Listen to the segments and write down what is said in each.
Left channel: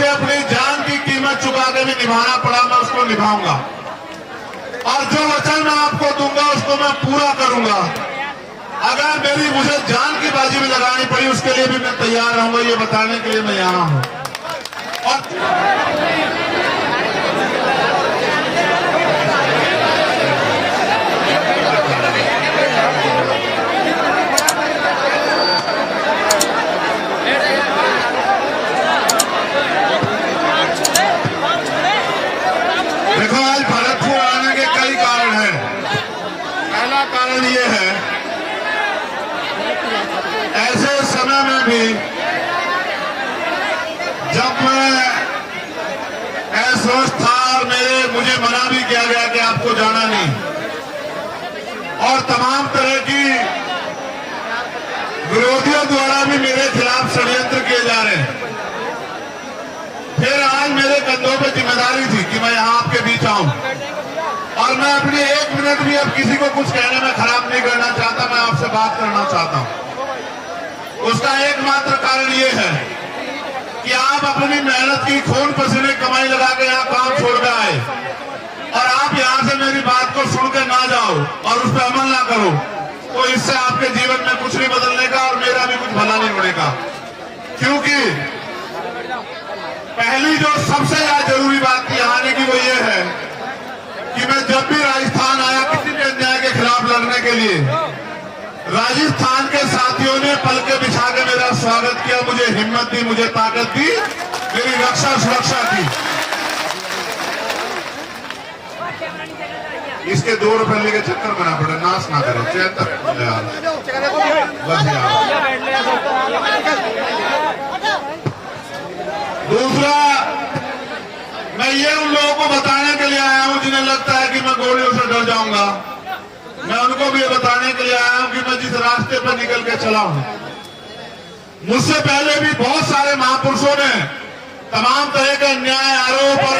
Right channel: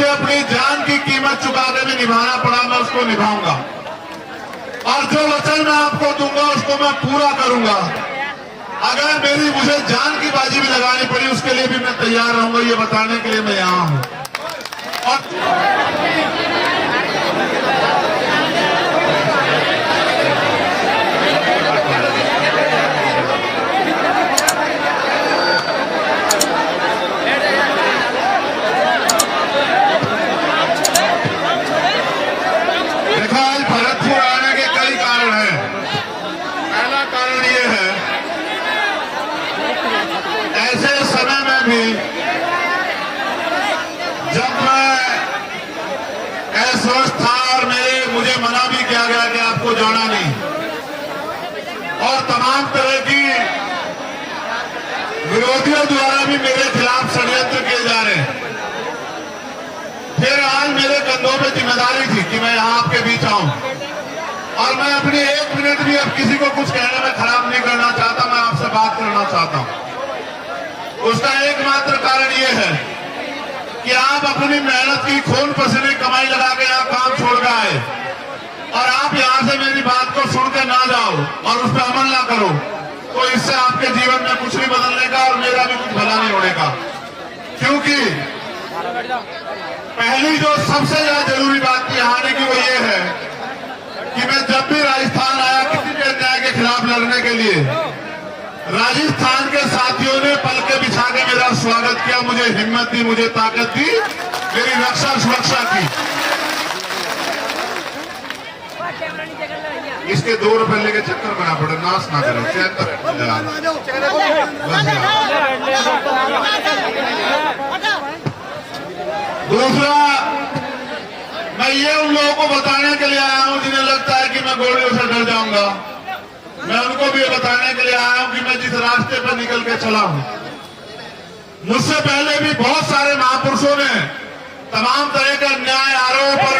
मुझे अपनी जान की कीमत चुका के भी निभाना पड़ा, मैं उसको निभाऊंगा। और जो वचन मैं आपको दूंगा उसको मैं पूरा करूंगा। अगर मुझे जान की बाजी भी लगानी पड़ी उसके लिए भी मैं तैयार रहूंगा। ये बताने के लिए मैं यहां हूं। और देखो, आज भरतपुर आने के कई कारण हैं। पहला कारण ये है, ऐसे समय में भी जब मैं अस्वस्थ था और मुझे मना भी किया गया कि आपको जाना नहीं, और तमाम तरह की विरोधियों द्वारा भी मेरे खिलाफ षड्यंत्र किए जा रहे हैं, फिर आज मेरे कंधों पे जिम्मेदारी थी कि मैं यहां आपके बीच आऊं। और मैं अपनी एक मिनट भी अब किसी को कुछ कहने में खराब नहीं करना चाहता, मैं आपसे बात करना चाहता हूं। उसका एकमात्र कारण यह है कि आप अपनी मेहनत की खून पसीने कमाई लगा के यहां काम छोड़ के आए, और आप यहां से मेरी बात को सुन के ना जाओ और उस पर अमल ना करो, तो इससे आपके जीवन में कुछ नहीं बदलने का और मेरा भी कुछ भला नहीं होने का। क्योंकि पहली जो सबसे ज्यादा जरूरी बात यहाँ आने की वो ये है कि मैं जब भी राजस्थान आया किसी भी अन्याय के खिलाफ लड़ने के लिए, राजस्थान के साथियों ने पलके बिछा के मेरा स्वागत किया, मुझे हिम्मत दी, मुझे ताकत दी, मेरी रक्षा सुरक्षा की। इसके 2 रुपए लेके चक्कर बना पड़े, नाश ना करें, चैन तक यार, बस यार। दूसरा, मैं ये उन लोगों को बताने के लिए आया हूं जिन्हें लगता है कि मैं गोलियों से डर जाऊंगा। मैं उनको भी ये बताने के लिए आया हूं कि मैं जिस रास्ते पर निकल के चला हूं, मुझसे पहले भी बहुत सारे महापुरुषों ने तमाम तरह के अन्याय आरोप पर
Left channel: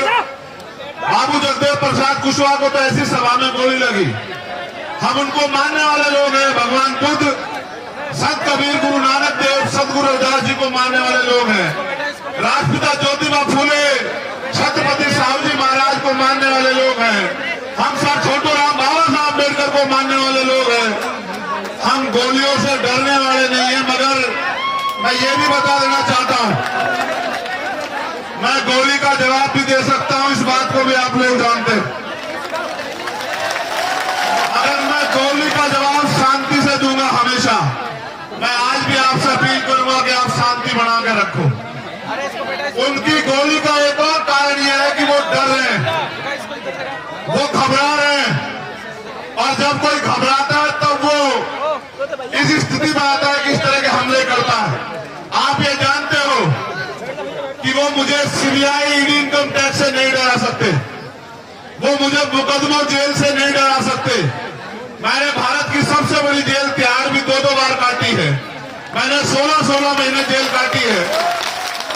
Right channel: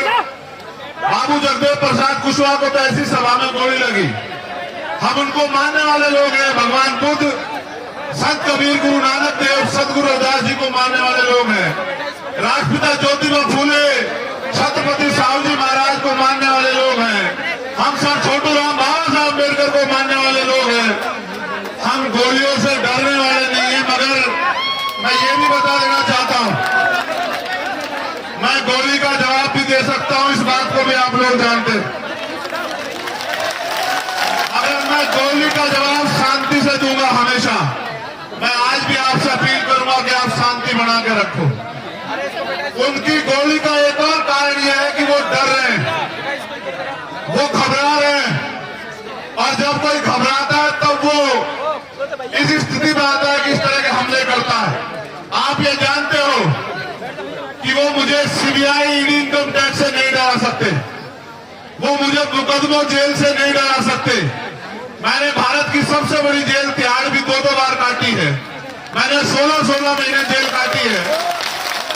बाबू जगदेव प्रसाद कुशवाहा को तो ऐसी सभा में गोली लगी। हम उनको मानने वाले लोग हैं। भगवान बुद्ध, संत कबीर, गुरु नानक देव, सदगुरु रविदास जी को मानने वाले लोग हैं। राष्ट्रपिता ज्योतिबा फूले, छत्रपति साहू जी महाराज को मानने वाले लोग हैं। हम सर छोटू राम बाबा साहब अम्बेडकर को मानने वाले लोग हैं। हम गोलियों से डरने वाले नहीं हैं। मगर मैं ये भी बता देना चाहता हूं, मैं गोली का जवाब भी दे सकता हूं, इस बात को भी आप लोग जानते हैं। अगर मैं गोली का जवाब शांति से दूंगा हमेशा, मैं आज भी आपसे अपील करूंगा कि आप शांति बना के रखो। उनकी गोली का एक और कारण यह है कि वो डर रहे हैं, वो घबरा रहे हैं, और जब कोई घबराता है तब वो इस स्थिति में आता है कि इस तरह के हमले करता है। आप ये जानते हो कि वो मुझे सीबीआई, ईडी, इनकम टैक्स से नहीं डरा सकते, वो मुझे मुकदमों जेल से नहीं डरा सकते। मैंने भारत की सबसे बड़ी जेल तिहाड़ भी 2-2 बार काटी है। मैंने 16-16 महीने जेल काटी है।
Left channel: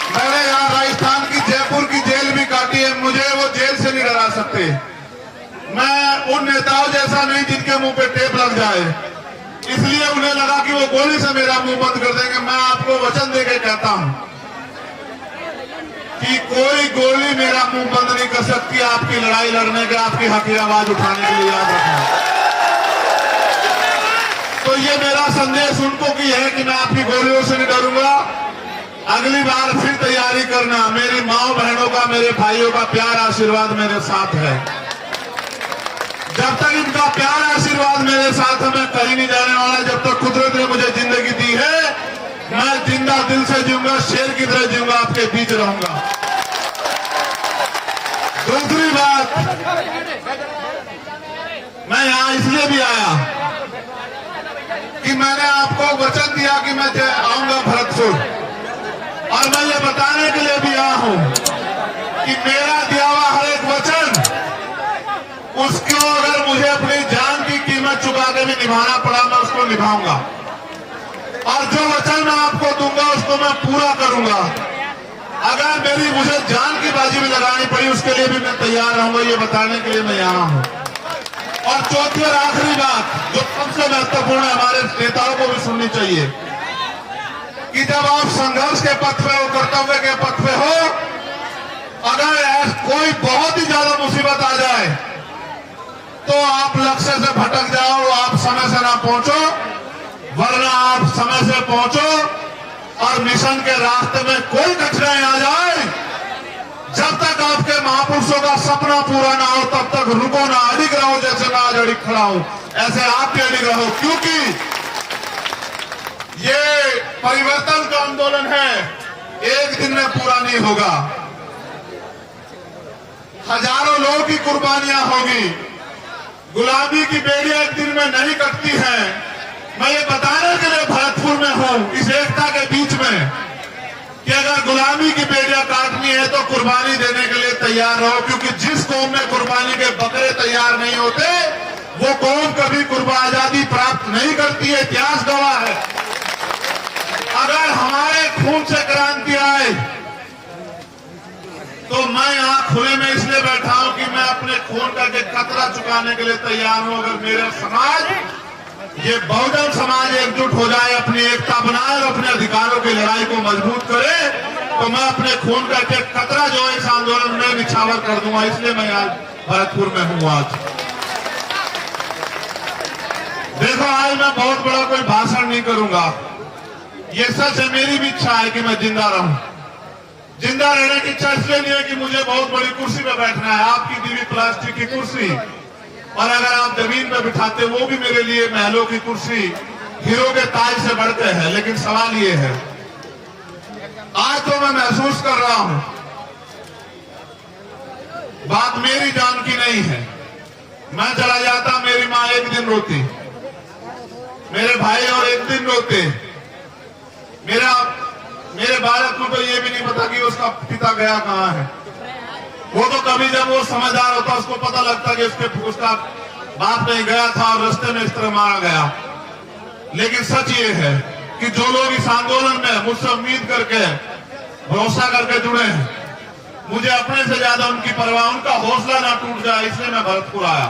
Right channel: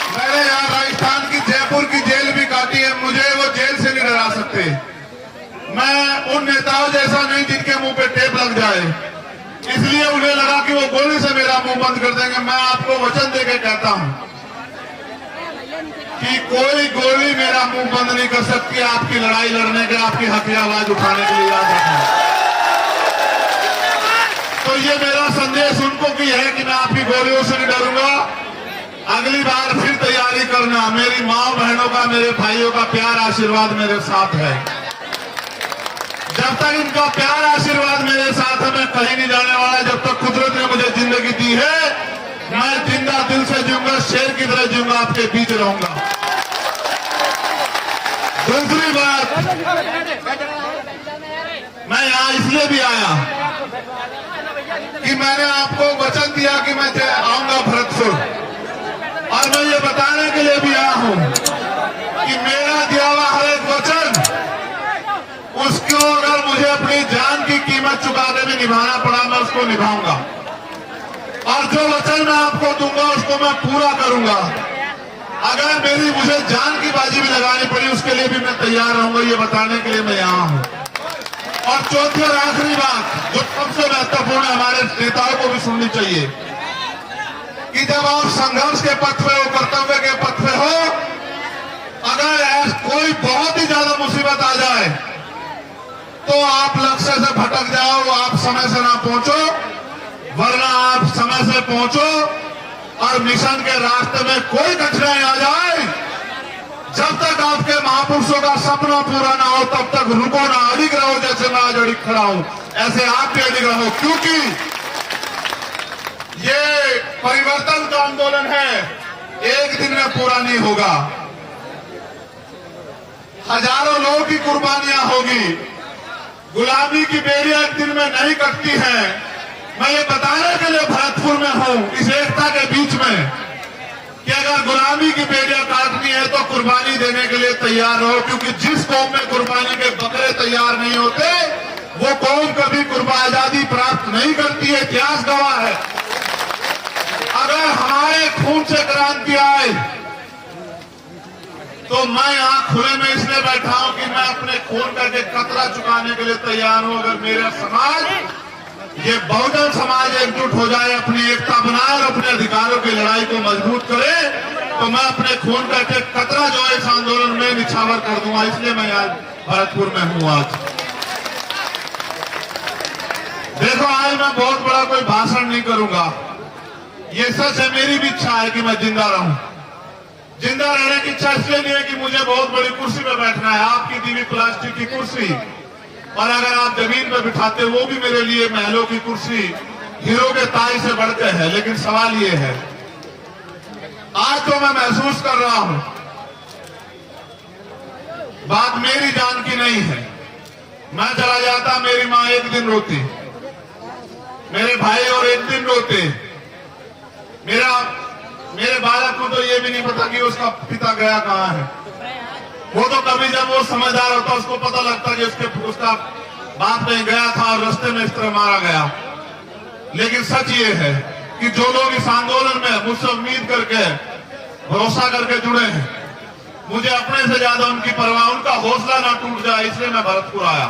मैंने यहाँ राजस्थान की जयपुर की जेल भी काटी है। मुझे वो जेल से नहीं डरा सकते। मैं उन नेताओं जैसा नहीं जिनके मुंह पे टेप लग जाए, इसलिए उन्हें लगा कि वो गोली से मेरा मुंह बंद कर देंगे। मैं आपको वचन देके कहता हूं कि कोई गोली मेरा मुंह बंद नहीं कर सकती आपकी लड़ाई लड़ने के, आपकी हक की आवाज उठाने के लिए, याद रखना। तो ये मेरा संदेश उनको की है कि मैं आपकी गोलियों से नहीं डरूंगा। अगली बार फिर तैयारी करना। मेरी माँ बहनों का, मेरे भाइयों का प्यार आशीर्वाद मेरे साथ है। जब तक इनका प्यार आशीर्वाद मेरे साथ है, मैं कहीं नहीं जाने वाला। जब तक कुदरत ने मुझे जिंदगी दी है, मैं जिंदा दिल से जीऊंगा, शेर की तरह जीऊंगा, आपके बीच रहूंगा। दूसरी बात, मैं यहां इसलिए भी आया कि मैंने आपको वचन दिया कि मैं आऊंगा भरतपुर, और मैं ये बताने के लिए भी आया हूं कि मेरा दिया हुआ हर एक वचन, उसको अगर मुझे अपनी जान की कीमत चुका के भी निभाना पड़ा, मैं उसको निभाऊंगा। और जो वचन मैं आपको दूंगा उसको मैं पूरा करूंगा। अगर मुझे जान की बाजी भी लगानी पड़ी उसके लिए भी मैं तैयार रहूंगा। ये बताने के लिए मैं यहां हूं। और चौथी और आखिरी बात जो सबसे महत्वपूर्ण है, हमारे नेताओं को भी सुननी चाहिए कि जब आप संघर्ष के पथ पे हो, कर्तव्य के पथ पे हो, आप लक्ष्य से भटक जाओ, आप समय से ना पहुंचो, वरना आप समय से पहुंचो और मिशन के रास्ते में कोई कठिनाई आ जाए, जब तक आपके महापुरुषों का सपना पूरा ना हो तब तक रुको ना, अड़िग रहो। जैसे मैं आज अड़िग खड़ा हूं ऐसे आप भी अड़िग रहो, क्योंकि ये परिवर्तन का आंदोलन है, एक दिन में पूरा नहीं होगा। हजारों लोगों की कुर्बानियां होगी, गुलामी की बेड़ियां एक दिन में नहीं कटती हैं। मैं ये बताने के लिए भरतपुर में हूं, इस एकता के बीच में, कि अगर गुलामी की बेड़ियां काटनी है तो कुर्बानी देने के लिए तैयार रहो, क्योंकि जिस कौम में कुर्बानी के बकरे तैयार नहीं होते वो कौम कभी आजादी प्राप्त नहीं करती है, इतिहास गवाह है। अगर हमारे खून से क्रांति आए तो मैं यहां खुले में इसलिए बैठा हूं कि मैं अपने खून करके कतरा चुकाने के लिए तैयार हूं। अगर मेरा समाज, ये बहुजन समाज एकजुट हो जाए, अपनी एकता बनाए और अपने अधिकारों की लड़ाई को मजबूत करे, तो मैं अपने खून करके कतरा जो है इस आंदोलन में निछावर कर दूंगा। इसलिए मैं आज भरतपुर में हूं। आज देखो, आज मैं बहुत बड़ा कोई भाषण नहीं करूंगा, ये सच है, मेरी भी इच्छा है कि मैं जिंदा रहूं। जिंदा रहने की इच्छा इसलिए नहीं है कि मुझे बहुत बड़ी कुर्सी पे बैठना है, आपकी दी हुई प्लास्टिक की कुर्सी, और अगर आप जमीन पे बिठाते वो भी मेरे लिए महलों की कुर्सी, हीरो के ताज से बढ़कर है। लेकिन सवाल ये है, आज तो मैं महसूस कर रहा हूं बात मेरी जान की नहीं है। मैं चला जाता, मेरी मां एक दिन रोती, मेरे भाई और एक दिन रोते, मेरे बालक को तो ये भी नहीं पता कि उसका पिता गया कहां है। वो तो कभी जब वो समझदार होता उसको पता लगता कि उसका बाप नहीं गया था और रास्ते में इस तरह मारा गया। लेकिन सच ये है कि जो लोग इस आंदोलन में मुझसे उम्मीद करके, भरोसा करके जुड़े हैं, मुझे अपने से ज्यादा उनकी परवाह, उनका हौसला ना टूट जाए, इसलिए मैं भरतपुर आया,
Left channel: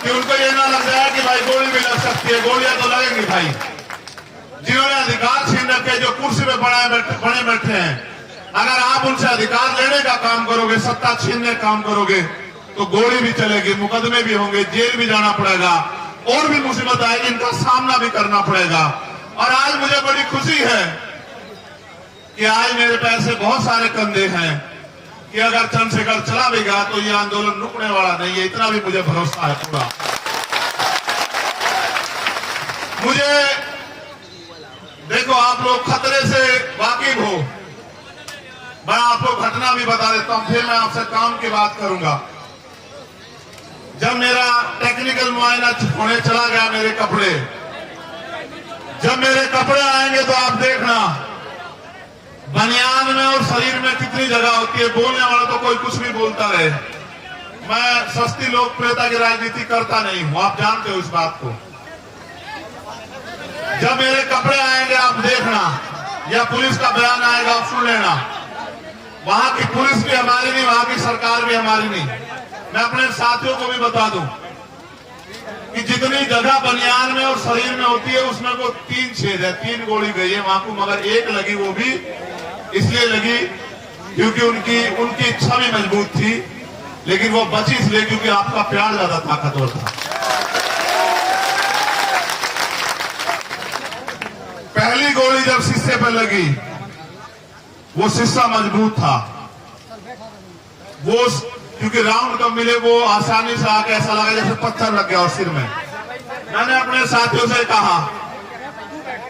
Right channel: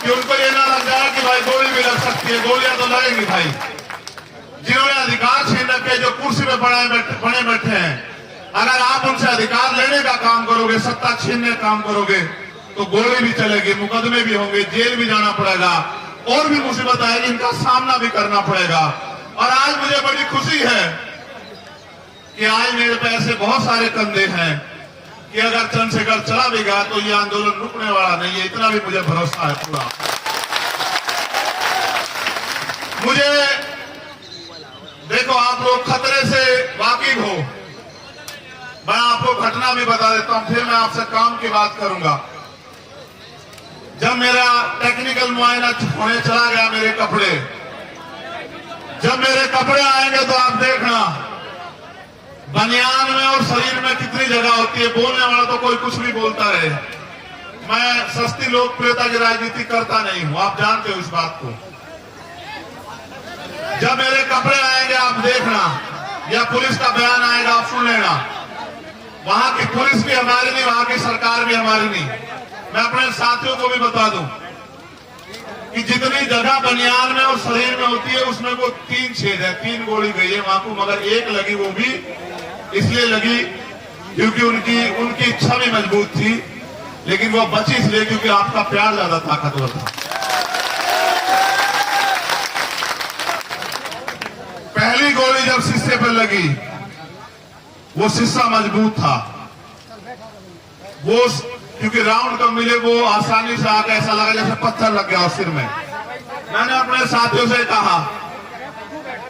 कि उनको ये ना लग जाए कि भाई गोली भी लग सकती है। गोलियां तो लगेंगी भाई, जिन्होंने अधिकार छीन रखे, जो कुर्सी पे बने बैठे हैं, अगर आप उनसे अधिकार लेने का काम करोगे, सत्ता छीनने का काम करोगे, तो गोली भी चलेगी, मुकदमे भी होंगे, जेल भी जाना पड़ेगा, और भी मुसीबत आएगी, इनका सामना भी करना पड़ेगा। और आज मुझे बड़ी खुशी है कि आज मेरे पे ऐसे बहुत सारे कंधे हैं कि अगर चंद्रशेखर चला भी गया तो ये आंदोलन रुकने वाला नहीं है, इतना भी मुझे भरोसा है पूरा। मुझे देखो, आप लोग खतरे से वाकिफ हो, मैं आपको घटना भी बता देता हूं, फिर मैं आपसे काम की बात करूंगा। जब मेरा टेक्निकल मुआयना होने चला गया, मेरे कपड़े, जब मेरे कपड़े आएंगे तो आप देखना बनियान में और शरीर में कितनी जगह होती है। बोलने वाला तो कोई कुछ भी बोलता रहे, मैं सस्ती लोकप्रियता की राजनीति करता नहीं हूं, आप जानते हो इस बात को। जब मेरे कपड़े आएंगे आप देखना, या पुलिस का बयान आएगा आप सुन लेना, वहां की पुलिस भी हमारी नहीं, वहां की सरकार भी हमारी नहीं। मैं अपने साथियों को भी बता दूं कि जितनी जगह बनियान में और शरीर में होती है उसमें वो 3 छेद है, 3 गोली गई है वहां को, मगर एक लगी, वो भी इसलिए लगी क्योंकि उनकी इच्छा भी मजबूत थी, लेकिन वो बची इसलिए क्योंकि आपका प्यार ज्यादा ताकतवर था। पहली गोली जब शीशे पर लगी, वो शीशा मजबूत था, वो क्योंकि राउंड कब मिले वो आसानी से आके ऐसा लगा जैसे पत्थर लग गया उस सिर में। मैंने अपने साथियों से कहा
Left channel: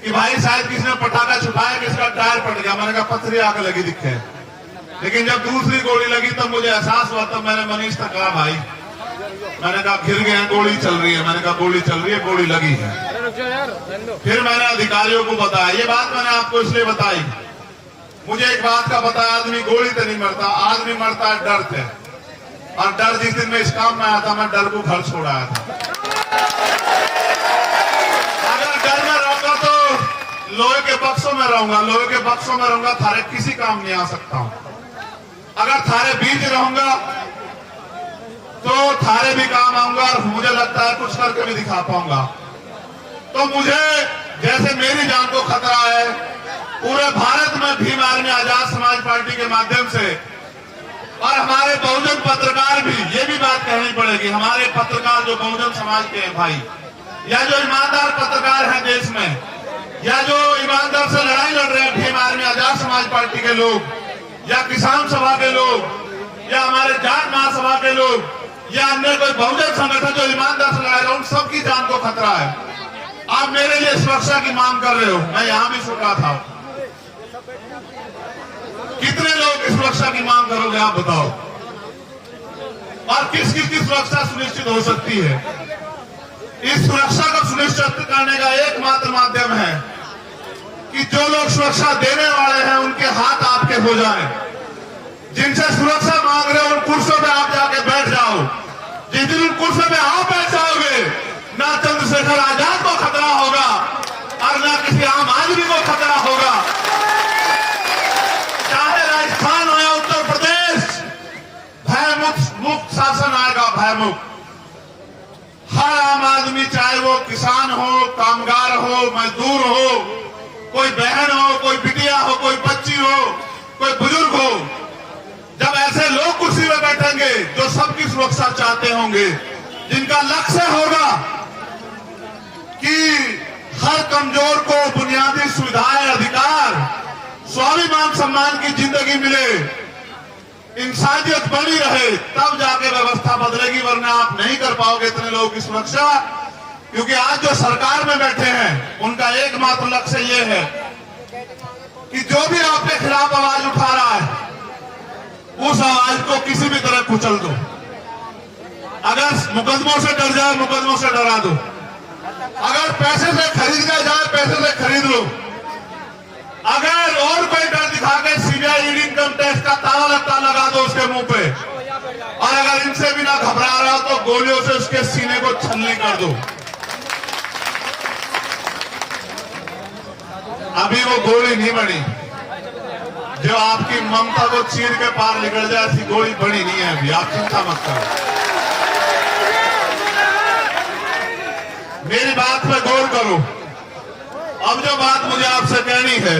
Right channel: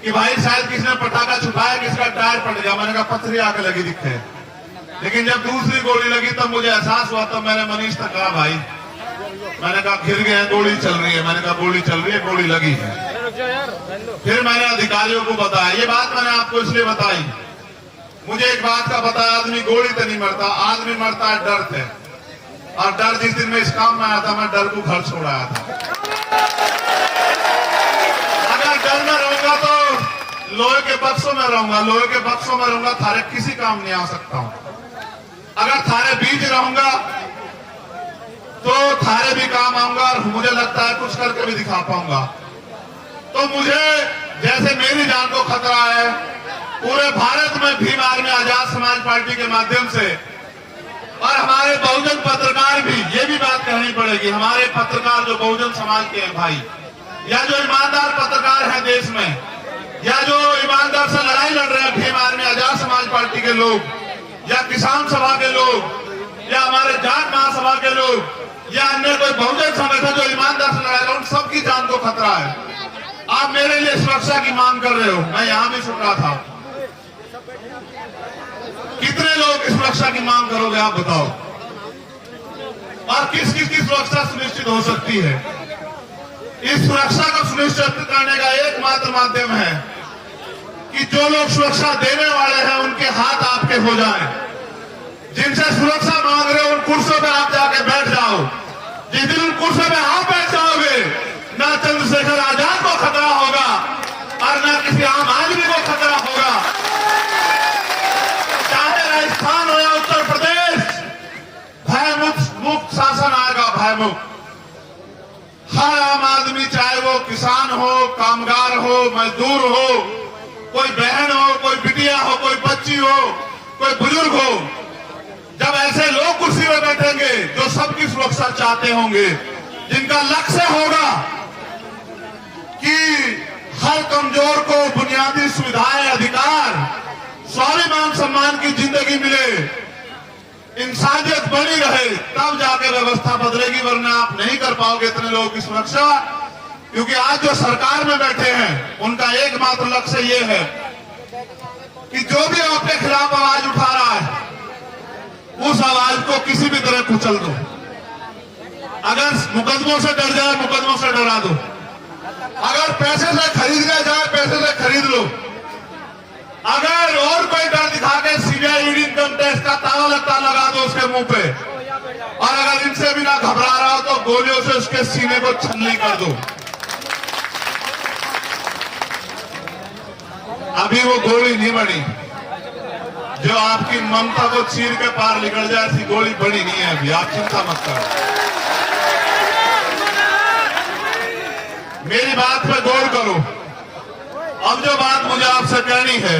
कि भाई शायद किसी ने पटाखा छुपाया, किसका टायर पट गया। मैंने कहा पत्थरी आके लगी दिखे। लेकिन जब दूसरी गोली लगी तब मुझे एहसास हुआ, तब मैंने मनीष तक कहा भाई, मैंने कहा गिर गए हैं, गोली चल रही है। मैंने कहा गोली चल रही है, गोली लगी है। फिर मैंने अधिकारियों को बताया, ये बात मैंने आपको इसलिए बताई, मुझे एक बात का पता है, आदमी गोली तो नहीं मरता, आदमी मरता है डर से। और डर, जिस दिन मैं इस काम में आया था, मैं डर को घर छोड़ आया था। अगर डर में रहूंगा तो लोहे के बक्सों में रहूंगा, लोहे के बक्सों में रहूंगा, थारे किसी काम नहीं आ सकता हूं। अगर थारे बीच रहूंगा तो थारे भी काम आऊंगा, और मुझे लगता है कुछ करके भी दिखा पाऊंगा। तो मुझे, जैसे मेरी जान को खतरा है, पूरे भारत में भीम आर्मी आजाद समाज पार्टी के माध्यम से और हमारे बहुजन पत्रकार भी, ये भी बात कहनी पड़ेगी, हमारे पत्रकार जो बहुजन समाज के हैं भाई, या जो ईमानदार पत्रकार हैं देश में, या जो ईमानदार से लड़ाई लड़ रहे हैं, भीम आर्मी आजाद समाज पार्टी के लोग, या किसान सभा के लोग, या हमारे जाट महासभा के लोग, या अन्य कोई बहुजन संगठन जो ईमानदार से लड़ाई, उन सबकी जान को खतरा है। आप मेरे लिए सुरक्षा की मांग कर रहे हो, मैं यहां भी सुन रहा था। कितने लोग इस सुरक्षा की मांग करोगे आप बताओ? और किस किस की सुरक्षा सुनिश्चित हो सकती है? इस सुरक्षा को सुनिश्चित करने का एकमात्र माध्यम है कि जो लोग सुरक्षा देने वाले हैं उनके हाथ आपके हो जाएं। जिनसे सुरक्षा मांग रहे हो उन कुर्सियों पे आप जाके बैठ जाओ। जिस दिन उन कुर्सियों पे आप बैठ जाओगे, ना चंद्रशेखर आजाद को खतरा होगा और ना किसी आम आदमी को खतरा होगा। चाहे राजस्थान हो या उत्तर प्रदेश, भयमुक्त शासन आएगा, भयमुक्त। हर आम आदमी, चाहे वो किसान हो, कामगार हो, मजदूर हो, कोई बहन हो, कोई बिटिया हो, कोई बच्ची हो, कोई बुजुर्ग हो, जब ऐसे लोग कुर्सी में बैठेंगे जो सबकी सुरक्षा चाहते होंगे, जिनका लक्ष्य होगा कि हर कमजोर को बुनियादी सुविधाएं, अधिकार, स्वाभिमान सम्मान की जिंदगी मिले, इंसानियत बनी रहे, तब जाके व्यवस्था बदलेगी। वरना आप नहीं कर पाओगे इतने लोगों की सुरक्षा, क्योंकि आज जो सरकार में बैठे हैं उनका एकमात्र लक्ष्य ये है कि जो भी आपके खिलाफ आवाज उठा रहा है उस आवाज को किसी भी तरह कुचल दो। अगर मुकदमों से डर जाए, मुकदमों से डरा दो। अगर पैसे से खरीदना जाए, पैसे से खरीद लो। अगर और कोई डर दिखा के सीबीआई, ईडी, इनकम टैक्स का ताला लगता लगा दो उसके मुंह पे, और अगर इनसे भी ना घबरा रहा हो तो गोलियों से उसके सीने को छलनी कर दो। अभी वो गोली नहीं बनी जो आपकी ममता को चीर के पार निकल जाए, ऐसी गोली बड़ी नहीं है अभी, आप चिंता मत करो। मेरी बात पे गौर करो। अब जो बात मुझे आपसे कहनी है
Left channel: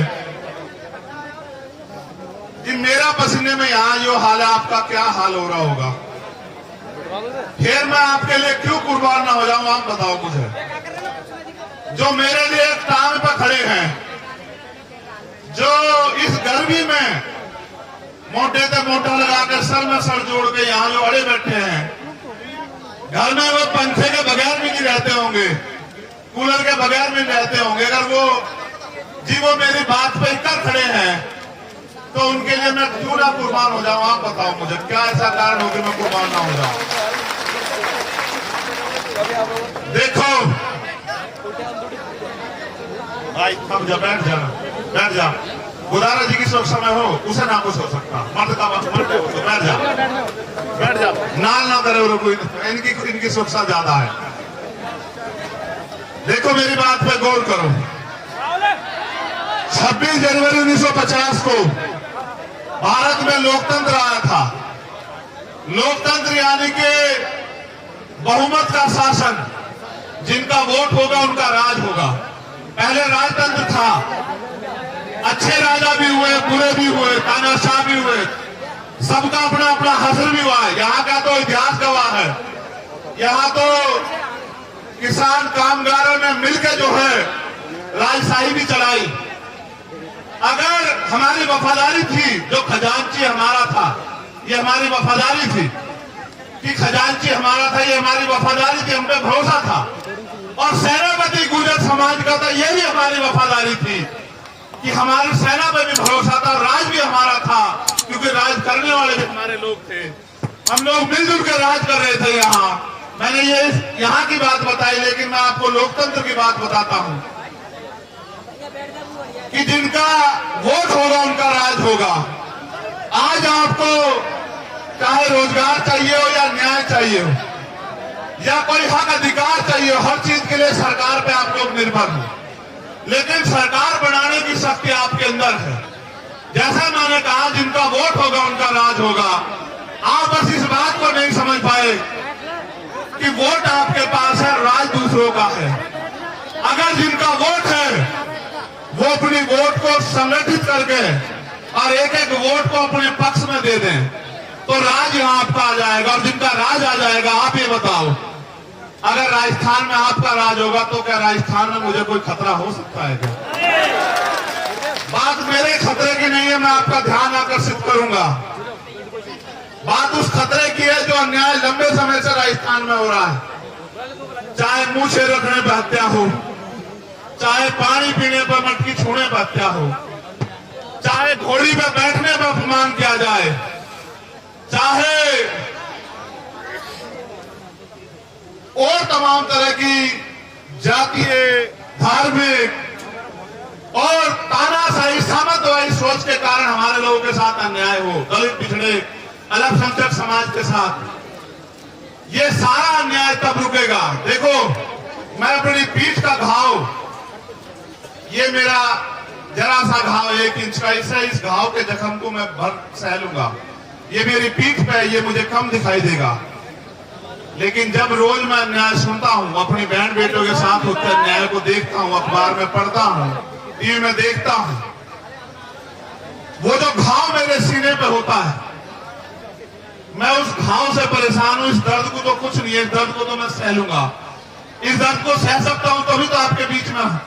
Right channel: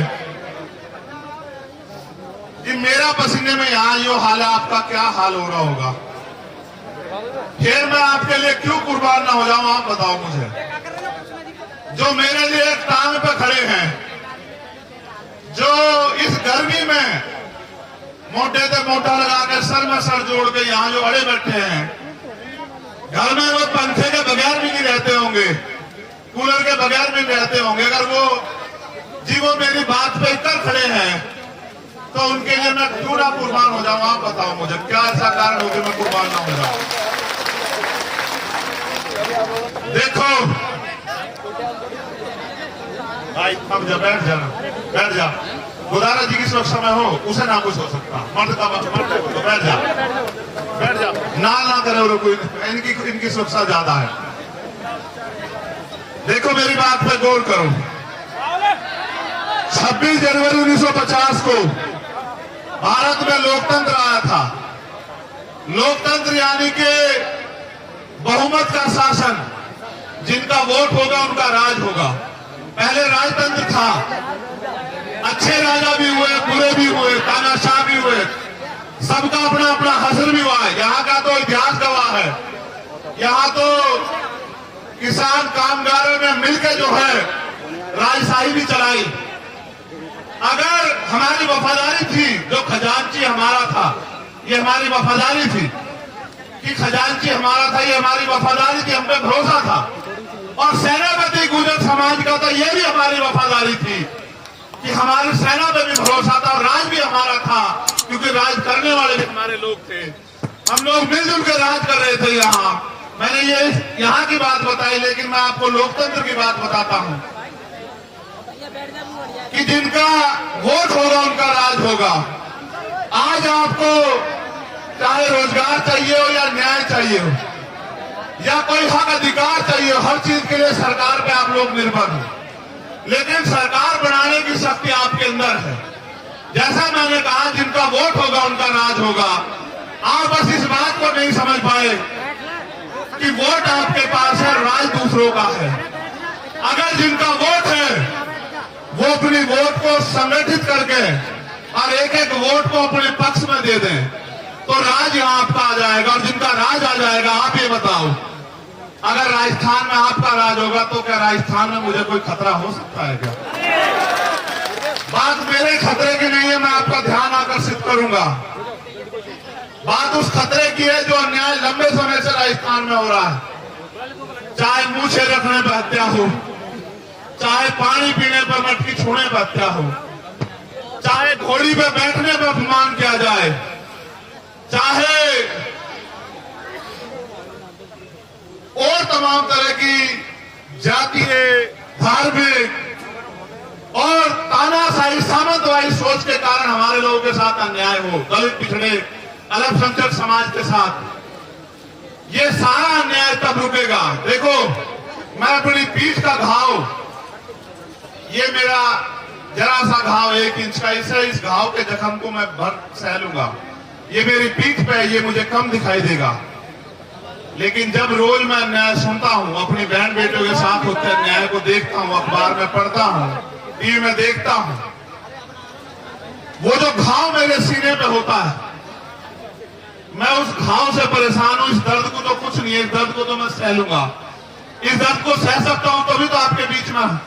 कि मेरा पसीने में यहां जो हाल है, आपका क्या हाल हो रहा होगा? फिर मैं आपके लिए क्यों कुर्बान ना हो जाऊं, आप बताओ मुझे। जो मेरे लिए एक टांग पे खड़े हैं, जो इस गर्मी में मोटे से मोटा लगा के सर में सर जोड़ के यहां जो अड़े बैठे हैं, घर में वो पंखे के बगैर भी नहीं रहते होंगे, कूलर के बगैर भी रहते होंगे, अगर वो मेरी बात पे कर खड़े हैं तो उनके लिए मैं क्यों ना कुर्बान हो जाऊं? आप बताओ मुझे, क्या ऐसा कारण हो कि मैं कुर्बान ना हो जाऊं? देखो भाई, हम जब बैठ जा, गुदारा जी की सुरक्षा में हो, उसे ना कुछ हो सकता, मर्द का मर्द है वो, तो बैठ जा, नाल ना करे वो कोई, इनकी सुरक्षा ज्यादा है। देखो मेरी बात पे गौर करो। 26 जनवरी 1950 को भारत में लोकतंत्र आया था। लोकतंत्र यानी कि बहुमत का शासन, जिनका वोट होगा उनका राज होगा। पहले राजतंत्र था, अच्छे राजा भी हुए, बुरे भी हुए, तानाशाह भी हुए, सबका अपना अपना हसर भी हुआ है। यहाँ का तो इतिहास गवाह है। यहाँ तो किसान कामगारों ने मिलकर जो है राजशाही भी चलाई। अगर हमारी वफादारी थी, जो खजांची हमारा था, ये हमारी वफादारी थी कि खजांची हमारा था, ये हमारी वफादारी थी, हम पे भरोसा था। और सेनापति गुर्जर समाज का था, ये भी हमारी वफादारी थी कि हमारी सेना पे भी भरोसा था, और राज भी हमारा था, क्योंकि राज करने वाले भी हमारे लोग थे। हम लोग मिलजुल कर राज कर रहे थे। मैंने ये यहाँ की बात बताई, लेकिन मैं आपको लोकतंत्र की बात बताता हूँ कि जिनका वोट होगा उनका राज होगा। आज आपको चाहे रोजगार चाहिए हो या न्याय चाहिए हो या कोई हक अधिकार चाहिए हो, हर चीज के लिए सरकार पे आप लोग निर्भर हो, लेकिन सरकार बनाने की शक्ति आपके अंदर है। जैसा मैंने कहा, जिनका वोट होगा उनका राज होगा। आप बस इस बात को नहीं समझ पाए कि वोट आपके पास है, राज दूसरों का है। अगर जिनका वोट है वो अपनी वोट को संगठित करके और एक एक वोट को अपने पक्ष में दे दें, तो राज यहां आपका आ जाएगा। और जिनका राज आ जाएगा, आप ये बताओ, अगर राजस्थान में आपका राज होगा तो क्या राजस्थान में मुझे कोई खतरा हो सकता है क्या? बात मेरे खतरे की नहीं है, मैं आपका ध्यान आकर्षित करूंगा। बात उस खतरे की है जो अन्याय लंबे समय से राजस्थान में हो रहा है। चाहे मूछे रखने पर हत्या हो, चाहे पानी पीने पर मटकी छूने पर हत्या हो, चाहे घोड़ी पे बैठने पर अपमान किया जाए, चाहे और तमाम तरह की जातीय, धार्मिक और तानाशाही सामंतवादी सोच के कारण हमारे लोगों के साथ अन्याय हो, दलित, पिछड़े, अल्पसंख्यक समाज के साथ, ये सारा अन्याय तब रुकेगा। देखो, मैं अपनी पीठ का घाव, ये मेरा जरा सा घाव 1 इंच का, इससे इस घाव के जख्म को मैं भर सह लूंगा। ये मेरी पीठ पे है, ये मुझे कम दिखाई देगा, लेकिन जब रोज मैं अन्याय सुनता हूं, अपनी बहन बेटों के साथ होते अन्याय को देखता हूं, अखबार में पढ़ता हूं, टीवी में देखता हूं, वो जो घाव मेरे सीने पे होता है, मैं उस घाव से परेशान हूं। इस दर्द को तो कुछ नहीं है, इस दर्द को तो मैं सह लूंगा। इस दर्द को सह सकता हूं तभी तो आपके बीच में हूं,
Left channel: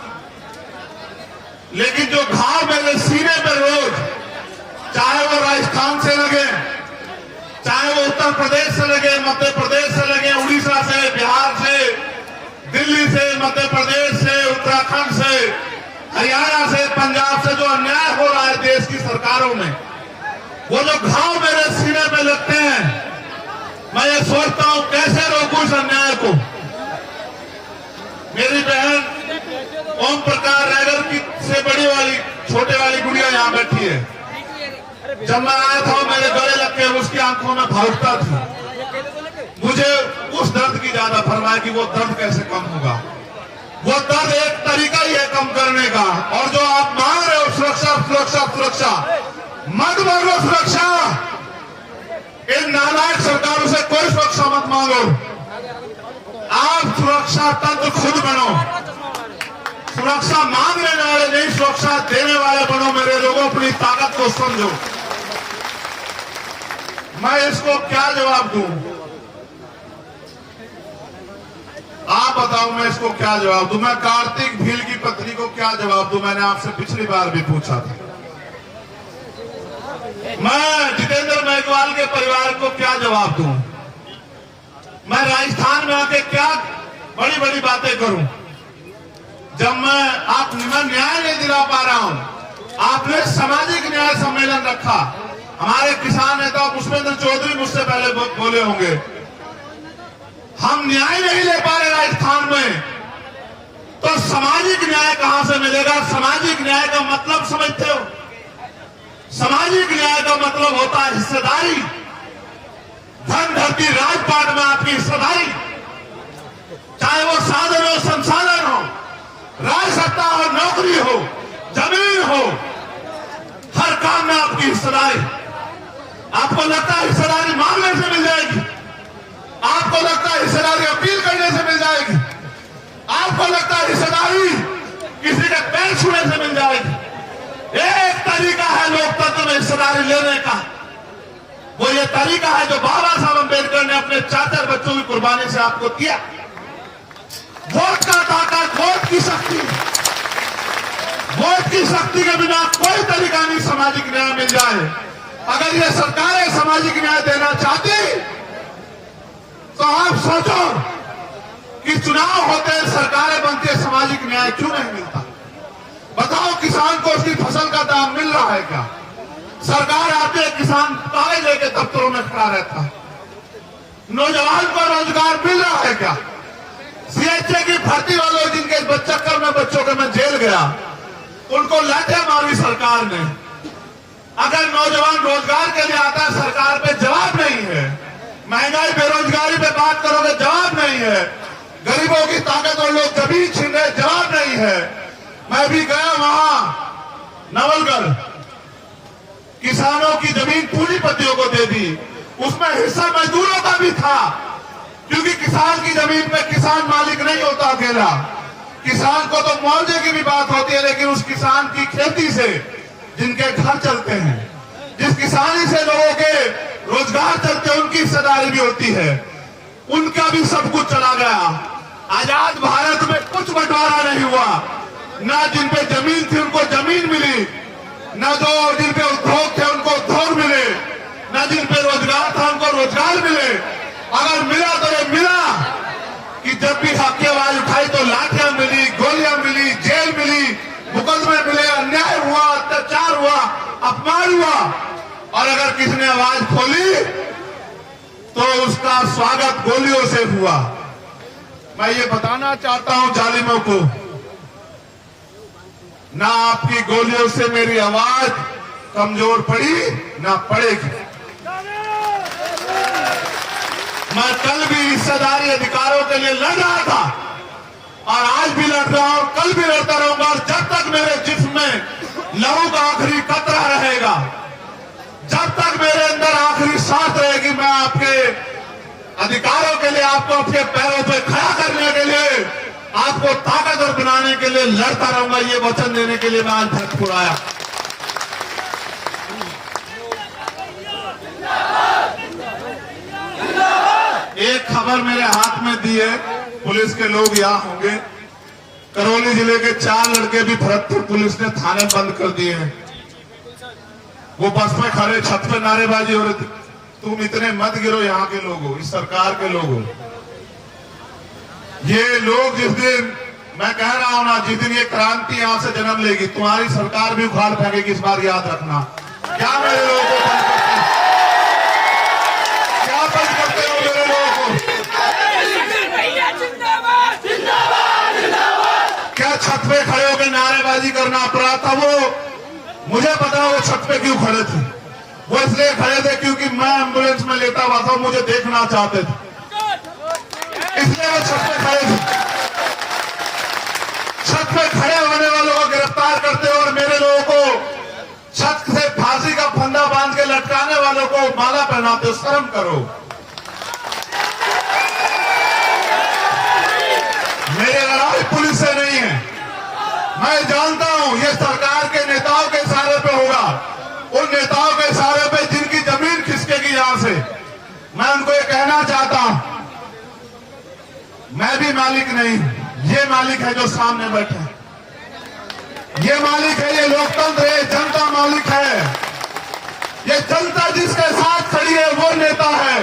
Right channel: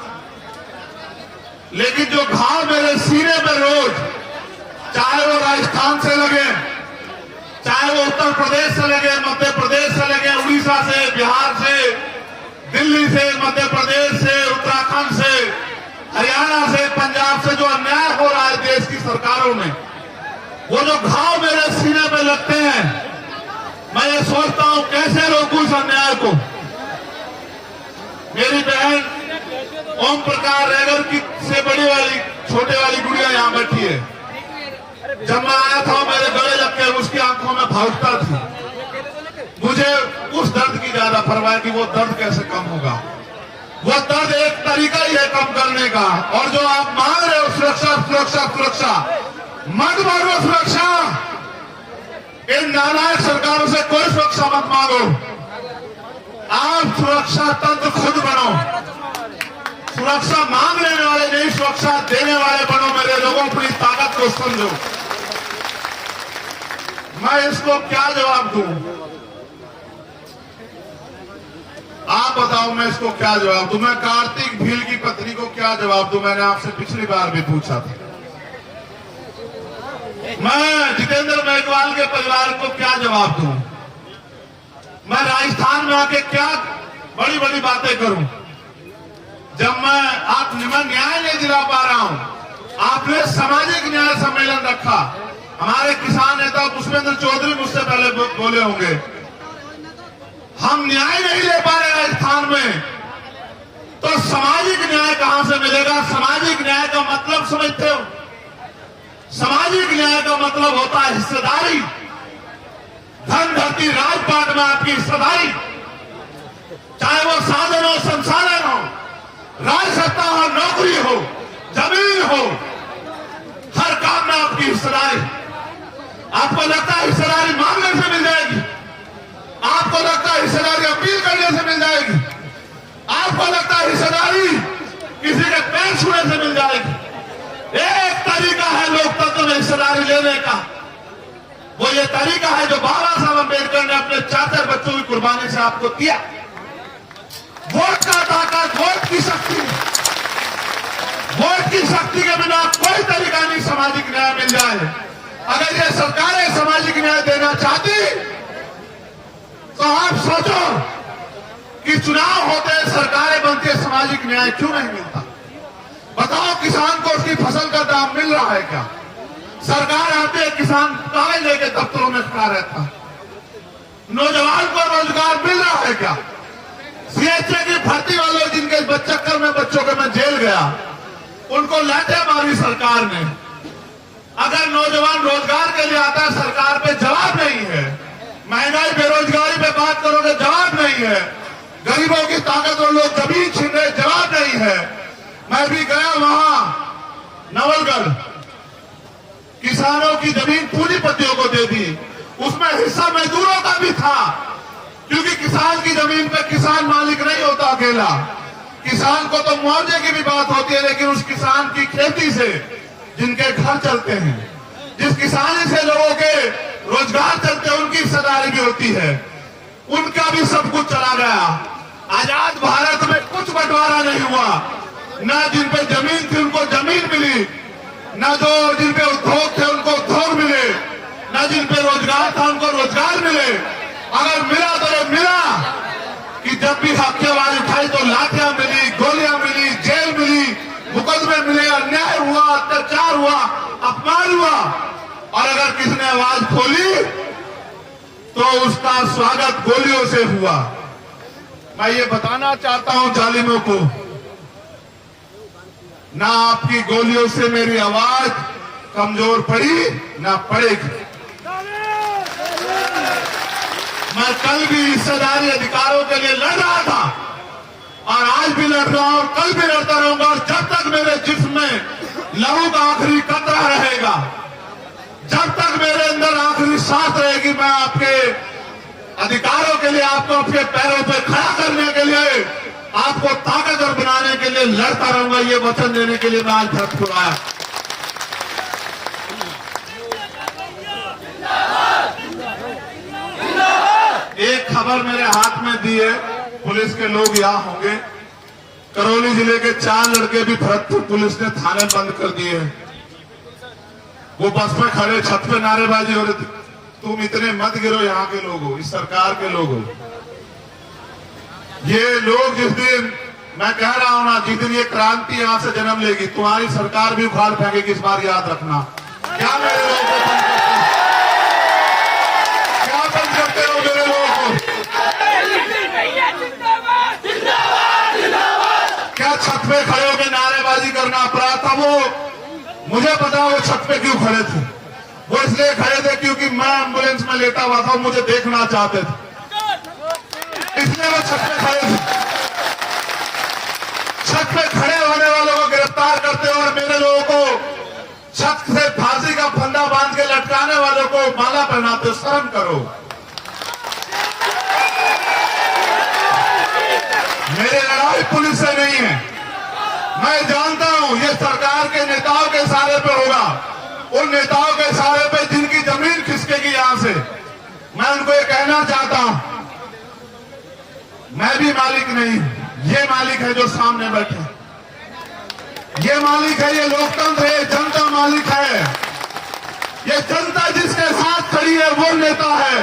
लेकिन जो घाव मेरे सीने पे रोज, चाहे वो राजस्थान से लगे, चाहे वो उत्तर प्रदेश से लगे, मध्य प्रदेश से लगे, उड़ीसा से, बिहार से, दिल्ली से, मध्य प्रदेश से, उत्तराखंड से, हरियाणा से, पंजाब से, जो अन्याय हो रहा है देश की सरकारों में, वो जो घाव मेरे सीने पे लगते हैं, मैं ये सोचता हूं कैसे रोकूं इस अन्याय को। मेरी बहन ओम प्रकाश रैगर की से बड़ी वाली, छोटे वाली गुड़िया यहां बैठी है। जब मैं आया था मेरे गले लग के उसकी आंखों में भावुकता थी। मुझे उस दर्द की ज्यादा परवाह है कि वो दर्द कैसे कम होगा। वो दर्द एक तरीका ही है कम करने का। और जो आप मांग रहे हो सुरक्षा, सुरक्षा, सुरक्षा, मत मांगो सुरक्षा। इन नालायक सरकारों से कोई सुरक्षा मत मांगो। आप सुरक्षा तंत्र खुद बनो। सुरक्षा मांग लेने वाले नहीं, सुरक्षा देने वाले बनो। मेरे लोगों, अपनी ताकत को समझो। मैं इसको क्या जवाब दूं? आप बताओ, मैं इसको क्या जवाब दूं? मैं कार्तिक भील की पत्नी को क्या जवाब दूं? मैंने आपसे पिछली बार भी पूछा था। मैं जितेंद्र मेघवाल के परिवार को क्या जवाब दूं? मैं राजस्थान में आके क्या बड़ी बड़ी बातें करूं? जब मैं न्याय नहीं दिला पा रहा हूं। आपने सामाजिक न्याय सम्मेलन रखा, हमारे किसान नेता पुष्पेंद्र चौधरी मुझसे पहले बोले होंगे, हम न्याय नहीं ले पा रहे राजस्थान में, तो सामाजिक न्याय कहां से मिलेगा? सामाजिक न्याय का मतलब समझते हो? सामाजिक न्याय का मतलब होता है हिस्सेदारी। धन, धरती, राजपाट में आपकी हिस्सेदारी, चाहे वो साधन हो, संसाधन हो, राज सत्ता हो, नौकरी हो, जमीन हो, हर काम में आपकी हिस्सेदारी। आपको लगता है हिस्सेदारी मांगने से मिल जाएगी? आपको लगता है हिस्सेदारी अपील करने से मिल जाएगी? आपको लगता है हिस्सेदारी किसी के पैर छूने से मिल जाएगी? एक तरीका है लोकतंत्र में हिस्सेदारी लेने का, वो ये तरीका है जो बाबा साहब अम्बेडकर ने अपने चाचा बच्चों की कुर्बानी से आपको दिया। वोट का ताकत, वोट की शक्ति, वोट की शक्ति के बिना कोई तरीका नहीं सामाजिक न्याय मिल जाए। अगर ये सरकारें सामाजिक न्याय देना चाहती तो आप सोचो कि चुनाव होते हैं, सरकारें बनती है, सामाजिक न्याय क्यों नहीं मिलता? बताओ, किसान को उसकी फसल का दाम मिल रहा है क्या? सरकार आती है, किसान कागज लेके दफ्तरों में खड़ा रहता है। नौजवान को रोजगार मिल रहा है क्या? सीएचए की भर्ती वालों, जिनके चक्कर में बच्चों के मैं जेल गया, उनको लाठियां मारी सरकार ने। अगर नौजवान रोजगार के लिए आता है, सरकार पे जवाब नहीं है। महंगाई, बेरोजगारी पे बात करोगे, जवाब नहीं है। गरीबों की ताकत और लोग जमीन छीन रहे, जवाब नहीं है। मैं भी गया वहां नवलगढ़, किसानों की जमीन पूंजीपतियों को दे दी, उसमें हिस्सा मजदूरों का भी था, क्योंकि किसान की जमीन पे किसान मालिक नहीं होता अकेला। किसान को तो मुआवजे की भी बात होती है, लेकिन उस किसान की खेती से जिनके घर चलते हैं, जिस किसानी से लोगों के रोजगार रोजगार चलते उनकी हिस्सेदारी भी होती है, उनका भी सब कुछ चला गया। आजाद भारत में कुछ बंटवारा नहीं हुआ, ना जिन पे जमीन थी उनको जमीन मिली, ना जो जिन पे उद्योग थे उनको उद्योग मिले, ना जिन पे रोजगार था उनको रोजगार मिले। अगर मिला तो ये मिला कि जब भी हक की आवाज उठाई तो लाठियां मिली, गोलियां मिली, जेल मिली, मुकदमे मिले, अन्याय हुआ, अत्याचार हुआ, अपमान हुआ। और अगर किसी ने आवाज खोली तो उसका स्वागत गोलियों से हुआ। मैं ये बताना चाहता हूं जालिमों को, ना आपकी गोलियों से मेरी आवाज कमजोर पड़ी ना पड़ेगी। मैं कल भी हिस्सेदारी अधिकारों के लिए लड़ रहा था और आज भी लड़ रहा हूं, कल भी लड़ता रहूंगा। और जब तक मेरे जिस्म में लहू का आखिरी कतरा रहेगा, जब तक मेरे अंदर आखिरी सांस रहेगी, मैं आपके अधिकारों के लिए, आपको अपने पैरों पे खड़ा करने के लिए, आपको ताकतवर बनाने के लिए लड़ता रहूंगा। ये वचन देने के लिए मैं आज भरतपुर आया। एक खबर मेरे हाथ में दी है, पुलिस के लोग यहाँ होंगे। करौली जिले के 4 लड़के भी भरतपुर पुलिस ने थाने बंद कर दिए हैं। वो बस में खड़े छत पे नारेबाजी हो रही थी, तुम इतने मत गिरो, यहाँ के लोग हो, इस सरकार के लोग हो। ये लोग जिस दिन, मैं कह रहा हूं ना, जिस दिन ये क्रांति यहां से जन्म लेगी, तुम्हारी सरकार भी उखाड़ फेंकेगी, इस बार याद रखना। क्या मेरे लोगों को बंद करते हो? क्या बंद करते हो मेरे लोगों को? क्या छत पे खड़े होकर नारेबाजी करना अपराध था? वो मुझे पता, वो छत पे क्यों खड़े थे। वो इसलिए खड़े थे क्योंकि मैं एम्बुलेंस में लेटा हुआ था, मुझे देखना चाहते थे, इसलिए वो छत पे खड़े थे। छत पे खड़े होने वालों को गिरफ्तार करते हो और मेरे लोगों को छत से फांसी का फंदा बांध के लटकाने वालों को माला पहनाते हो। शर्म करो। मेरी लड़ाई पुलिस से नहीं है। मैं जानता हूं ये सरकार के नेताओं के इशारे पे होगा, उन नेताओं के इशारे पे जिनकी जमीन खिसकेगी यहां से। मैं उनको ये कहना चाहता हूं, मैं भी मालिक नहीं, ये मालिक है जो सामने बैठे। ये मालिक है, ये लोकतंत्र है, जनता मालिक है। ये जनता जिसके साथ खड़ी है वो नेता है,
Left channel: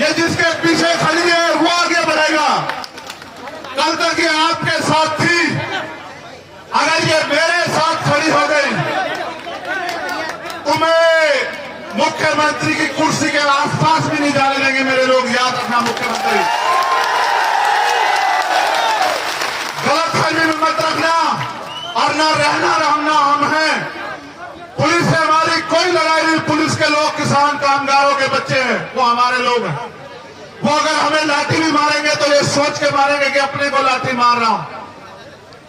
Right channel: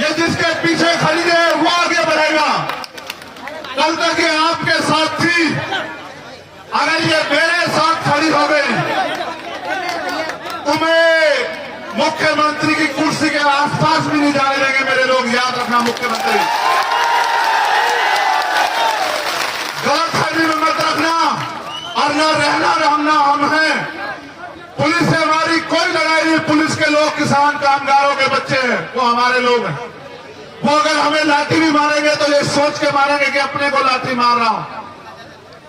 ये जिसके पीछे खड़ी है वो आगे बढ़ेगा। कल तक ये आपके साथ थी, अगर ये मेरे साथ खड़ी हो गई तो मैं मुख्यमंत्री की कुर्सी के आसपास भी नहीं जाने देंगे मेरे लोग। याद रखना, मुख्यमंत्री गलतफहमी में मत रखना। और न रहना रहना हम हैं। पुलिस से हमारी कोई लड़ाई नहीं। पुलिस के लोग किसान कामगारों के बच्चे हैं, वो हमारे लोग हैं। वो अगर हमें लाठी भी मारेंगे तो ये सोच के मारेंगे कि अपने को लाठी मार रहा हूं।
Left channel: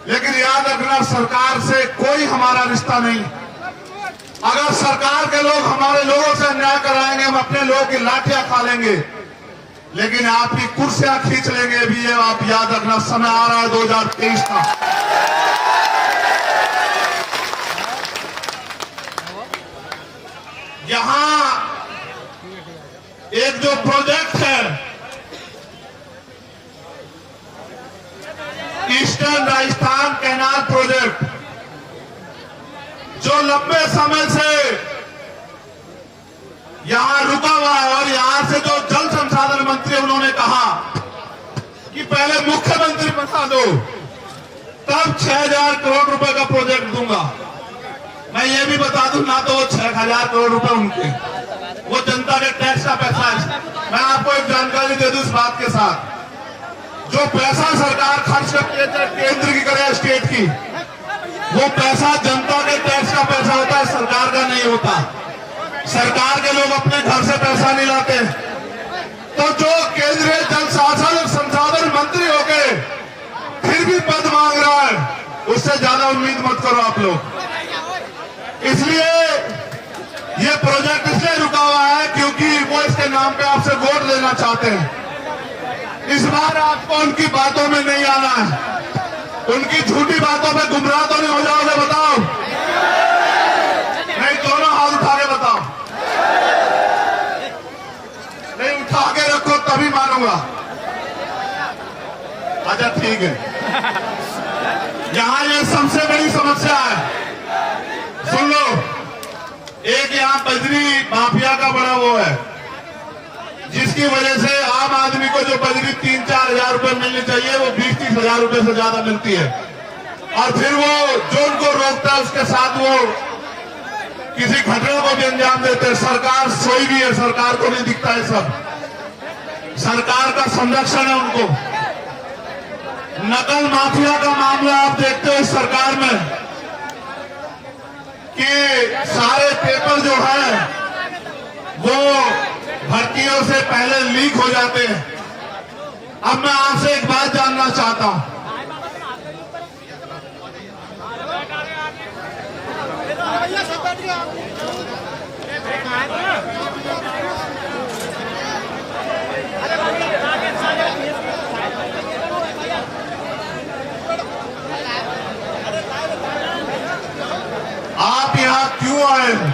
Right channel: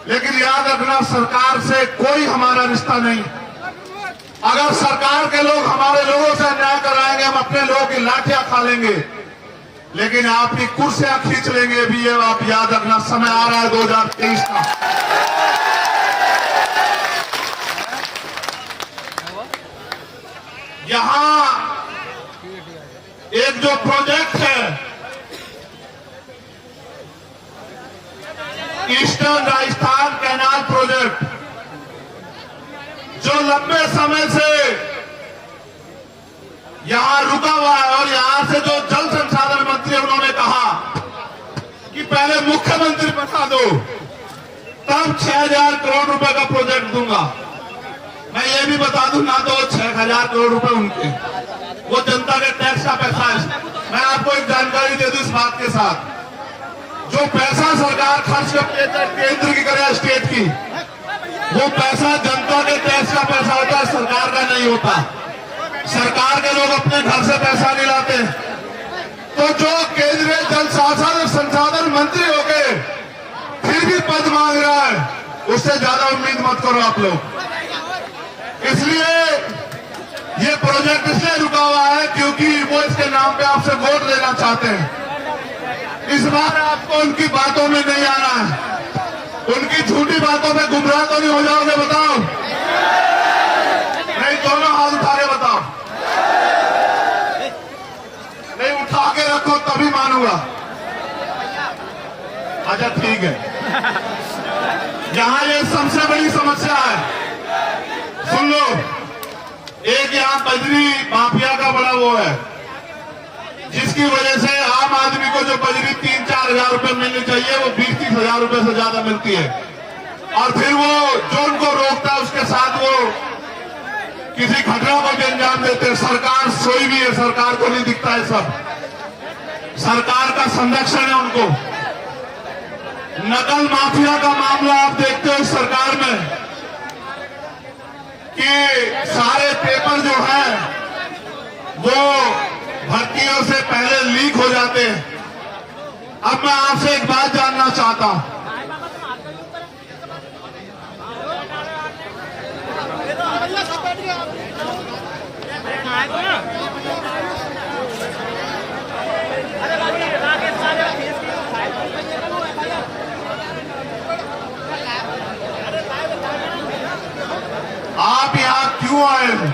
लेकिन याद रखना, सरकार से कोई हमारा रिश्ता नहीं। अगर सरकार के लोग हमारे लोगों से अन्याय कराएंगे, हम अपने लोगों की लाठियां खा लेंगे, लेकिन आपकी कुर्सियां खींच लेंगे भी। ये आप याद रखना, समय आ रहा है 2023 का। यहां एक जो प्रोजेक्ट है ईस्टर्न राजस्थान कैनाल प्रोजेक्ट, जो लंबे समय से यहां रुका हुआ है, और यहां से जो जल संसाधन मंत्री उन्होंने कहा कि पहले मुख्यमंत्री बता दो, तब 6000 करोड़ रुपए का प्रोजेक्ट दूंगा। मैं ये भी बता दूं, ना तो 6000 करोड़ रुपए उनके, वो जनता के टैक्स का पैसा है। मैं आपको एक जानकारी दे दूं इस बात के साथ, जो पैसा सरकार खर्च करती है केंद्र की करे स्टेट की, वो पैसा जनता के टैक्स का पैसा होता है, सरकार का नहीं होता। सरकार के लोग अपने घर से पैसा नहीं लाते। तो जो केंद्रीय जल संसाधन मंत्री हो गए फिर भी पद मांग रहा है, उससे ज्यादा उम्मीद मत करो आप लोग। इसलिए ये प्रोजेक्ट इसलिए रुका हुआ है क्योंकि वो इसके नाम पे आपसे वोट लेना चाहते हैं। इस बार आपको उनकी बातों में नहीं आना है। उनकी झूठी बातों में गुमराह तो नहीं हो जाओगे? बताओ, नहीं दोनों हाथ उठा के बताओ। हुआ? अच्छा ठीक है। यहाँ ये सबसे बड़ी समस्या है, सुन लो। एक यहाँ बजरी माफिया का बड़ा वो है, जिसकी वजह से आम आदमी को जो बजरी 3-4 हजार रुपए मिलनी चाहिए वो 20-30 हजार रुपए से ज्यादा मिलती है। और फिर वो जो उनको रोकता है उसके साथ वो किसी घटना को भी अंजाम देते हैं। सरकार सोई भी है, सरकार को नहीं दिखता है, सब सरकार का संरक्षण है उनको। नकल माफिया का मामला आप देखते हो इस सरकार में कि सारे पेपर जो है वो भर्तियों से पहले लीक हो जाते हैं। अब मैं आपसे एक बात जानना चाहता हूं, आप यहां क्यों आए हो?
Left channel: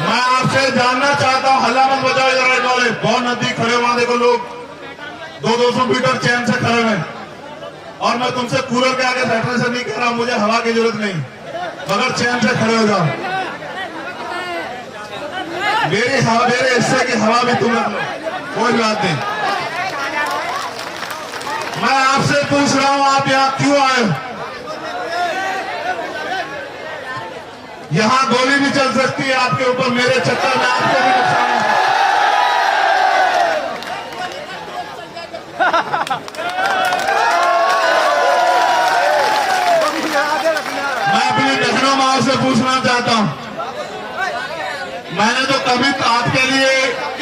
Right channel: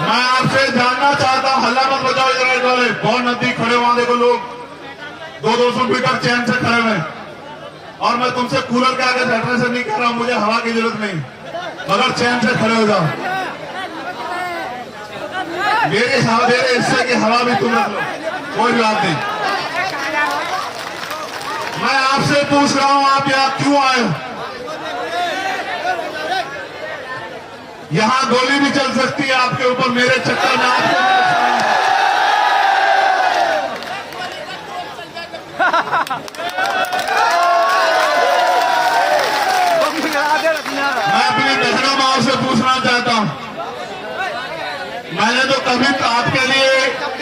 मैं आपसे जानना चाहता हूं। हल्ला मत बजाओ इधर राइट वाले, बहुत नजदीक खड़े वहां देखो लोग 200-200 मीटर चैन से खड़े हैं। और मैं तुमसे कूलर के आगे बैठने से नहीं कह रहा हूं, मुझे हवा की जरूरत नहीं, मगर चैन से खड़े हो जाओ। मेरे हिस्से की हवा भी तुम रख लो, कोई बात नहीं। मैं आपसे पूछ रहा हूं, आप यहां क्यों आए हो? यहां गोली भी चल सकती है आपके ऊपर, मेरे चक्कर में आपको भी नुकसान है। मैं अपनी बहनों माओ से पूछना चाहता हूं, मैंने तो कभी आपके लिए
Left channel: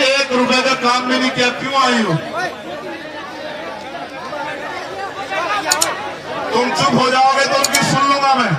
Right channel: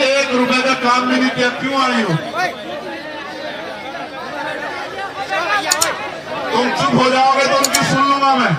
1 रुपए का काम भी नहीं किया, क्यों आई हो? तुम चुप हो जाओगे तो उनकी सुन लूंगा मैं।